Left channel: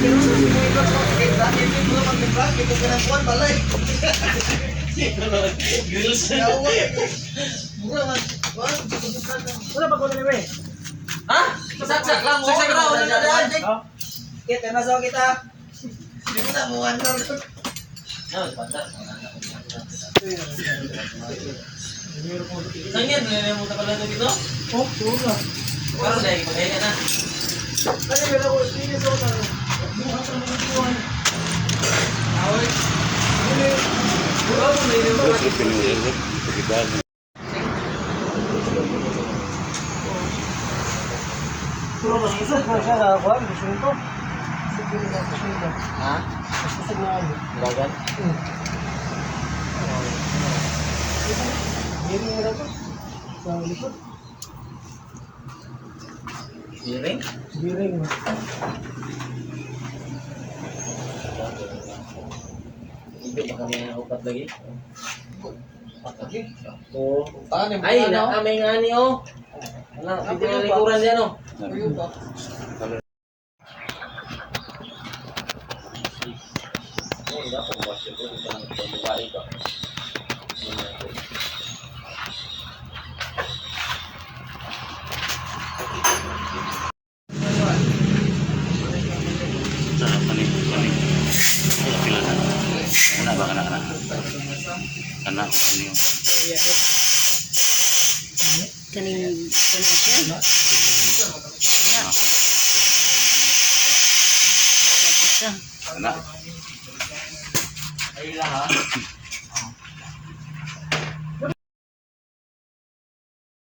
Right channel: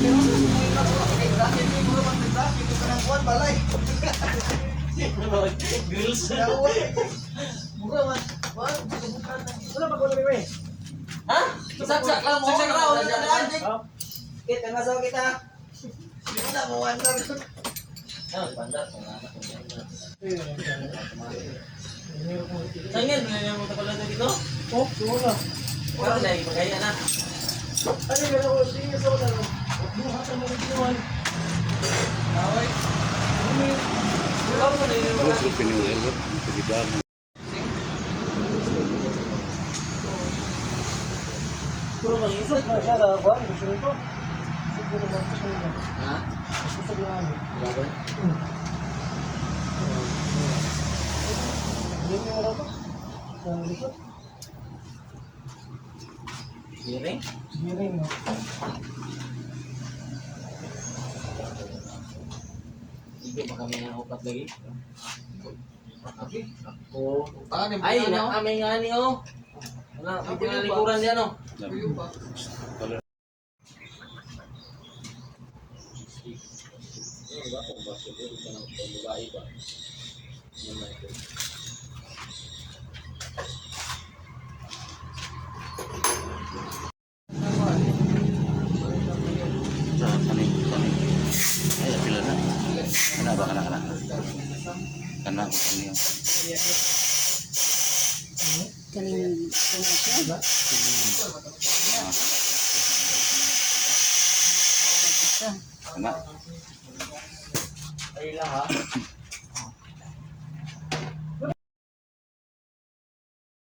Ha? Saksak lang. Saksak lang. Wala na daan. Kita masuk kita. Hindi mo na buwan na. Sangyan, nalala mo na pala ito dito? Oh, wala. Karoon dahil, pagkain ka na. Ano ba ako? Tingin sa una. Buhat sa mga buwan. Tawag. Ikaw mo na yun. Pero masisag na siya na ba? Gusto nito? Ha? Masisag na ano? Lagan? Hindi mo na ba? Sa likod? Biring? Biring mo. Hindi pa kami ang upat lagi. Oh, Ay, nakamay nga ni oh. Wala, hindi na likuran dyan oh. Kaning siya. Ay, lahat.